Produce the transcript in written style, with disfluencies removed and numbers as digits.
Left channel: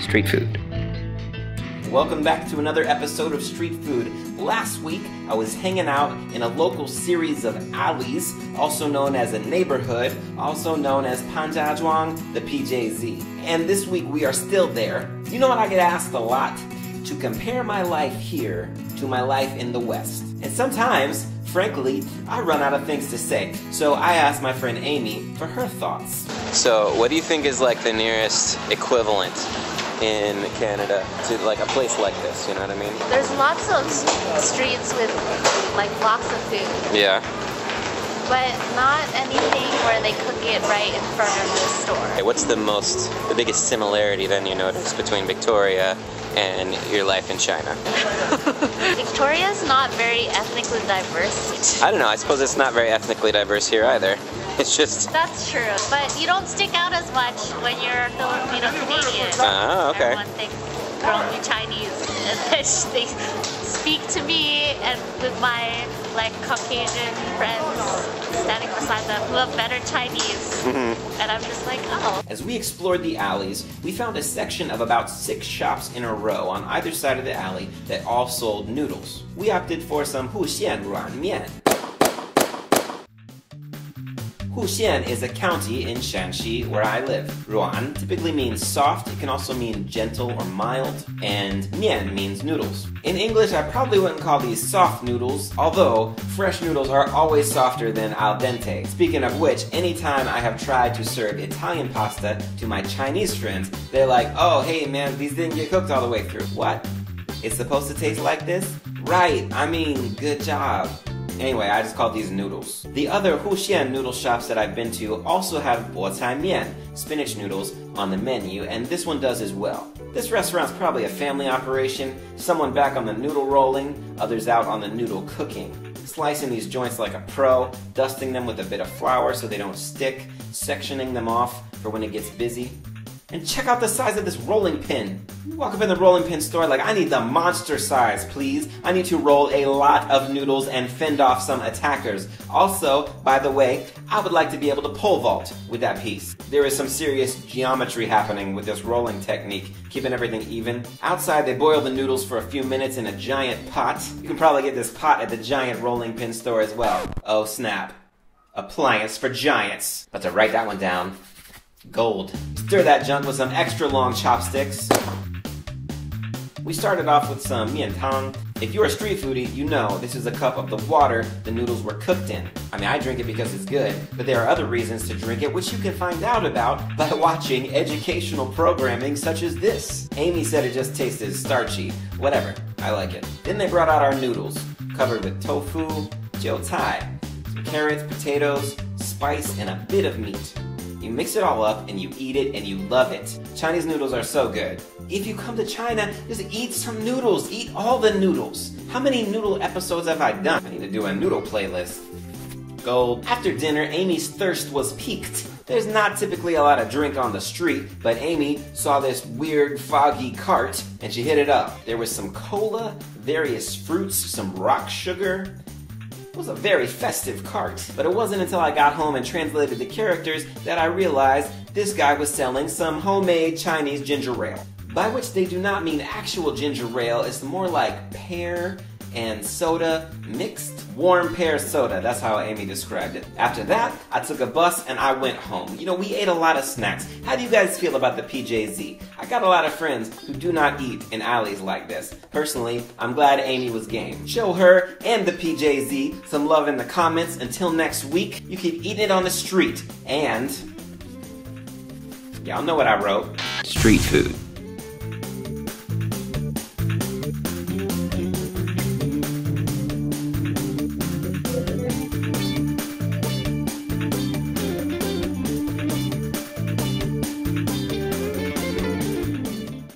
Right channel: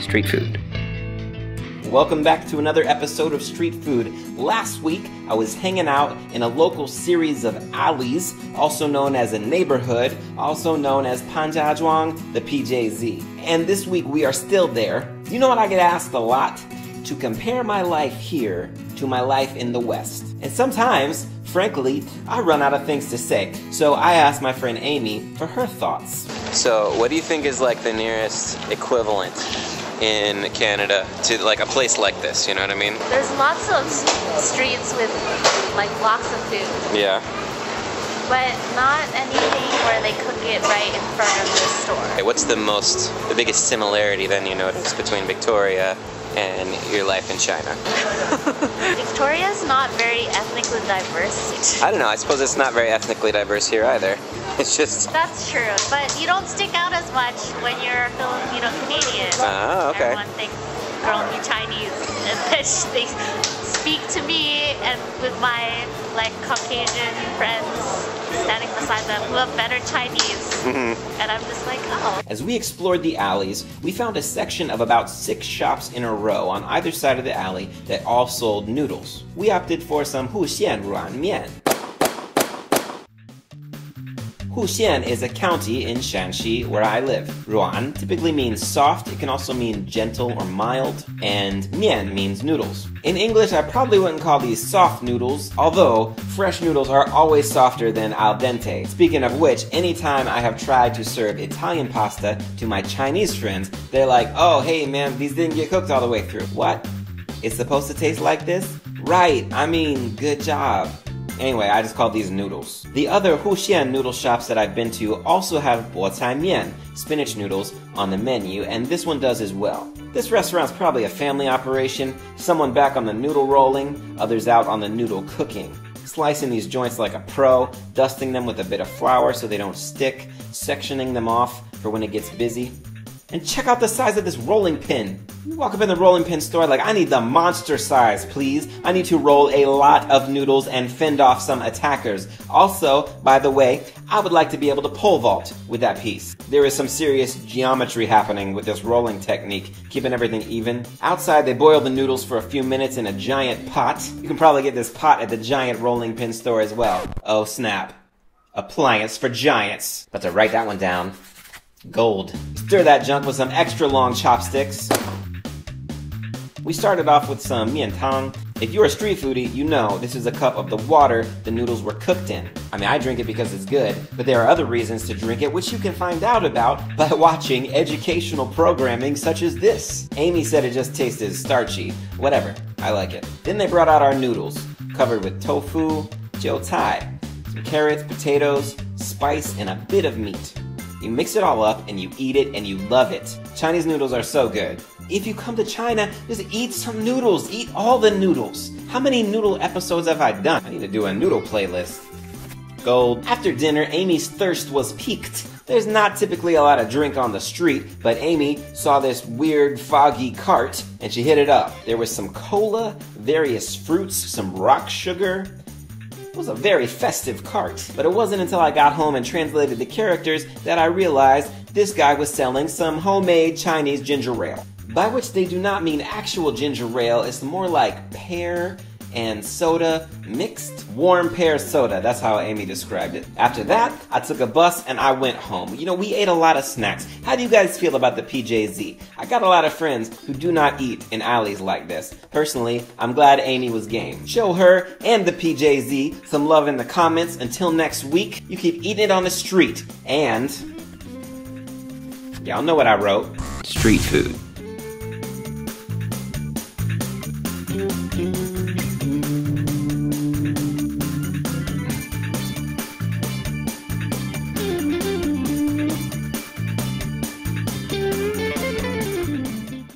Street food. Welcome back to another episode of Street Food. Last week, I was hanging out in a local series of alleys, also known as a neighborhood, also known as Pan Jia Zhuang, the PJZ. And this week, we are still there. You know what I get asked a lot? To compare my life here to my life in the West. And sometimes, frankly, I run out of things to say. So I asked my friend Aimee for her thoughts. So, what do you think is like the nearest equivalent in Canada to like a place like this, you know what I mean? There's lots of streets with like blocks of food. Yeah. But not anything where they cook it right in front of the store. Okay, what's the biggest similarity then you notice between Victoria and your life in China? Victoria's not very ethnically diverse. I don't know, I suppose it's not very ethnically diverse here either. It's just... That's true, but you don't stick out as much when you're Filipino-Canadian. Oh, okay. Everyone thinks, girl, you Chinese. And then they speak to me and with my like Caucasian friends standing beside them who have better Chinese. And I'm just like, oh. As we explored the alleys, we found a section of about 6 shops in a row on either side of the alley that all sold noodles. We opted for some Huxian软面. Huxian is a county in Shaanxi where I live. Ruan typically means soft, it can also mean gentle or mild, and mian means noodles. In English, I probably wouldn't call these soft noodles, although fresh noodles are always softer than al dente. Speaking of which, anytime I have tried to serve Italian pasta to my Chinese friends, they're like, oh, hey man, these didn't get cooked all the way through. What? It's supposed to taste like this? Right, I mean, good job. Anyway, I just call these noodles. The other Huxian noodle shops that I've been to also have bocai mian, spinach noodles, on the menu, and this one does as well. This restaurant's probably a family operation, someone back on the noodle rolling, others out on the noodle cooking. Slicing these joints like a pro, dusting them with a bit of flour so they don't stick, sectioning them off for when it gets busy. And check out the size of this rolling pin. You walk up in the rolling pin store like, I need the monster size, please. I need to roll a lot of noodles and fend off some attackers. Also, by the way, I would like to be able to pole vault with that piece. There is some serious geometry happening with this rolling technique, keeping everything even. Outside, they boil the noodles for a few minutes in a giant pot. You can probably get this pot at the giant rolling pin store as well. Oh snap. Appliance for giants. About to write that one down. Gold. Stir that junk with some extra long chopsticks. We started off with some mian tang. If you're a street foodie, you know this is a cup of the water the noodles were cooked in. I mean, I drink it because it's good, but there are other reasons to drink it, which you can find out about by watching educational programming such as this. Aimee said it just tasted starchy. Whatever, I like it. Then they brought out our noodles, covered with tofu, jiao cai, some carrots, potatoes, spice, and a bit of meat. You mix it all up and you eat it and you love it. Chinese noodles are so good. If you come to China, just eat some noodles. Eat all the noodles. How many noodle episodes have I done? I need to do a noodle playlist. Gold. After dinner, Aimee's thirst was piqued. There's not typically a lot of drink on the street, but Aimee saw this weird foggy cart and she hit it up. There was some cola, various fruits, some rock sugar. It was a very festive cart. But it wasn't until I got home and translated the characters that I realized this guy was selling some homemade Chinese ginger ale. By which they do not mean actual ginger ale, it's more like pear and soda mixed. Warm pear soda, that's how Aimee described it. After that, I took a bus and I went home. You know, we ate a lot of snacks. How do you guys feel about the PJZ? I got a lot of friends who do not eat in alleys like this. Personally, I'm glad Aimee was game. Show her and the PJZ some love in the comments. Until next week, you keep eating it on the street. And y'all know what I wrote. Street food.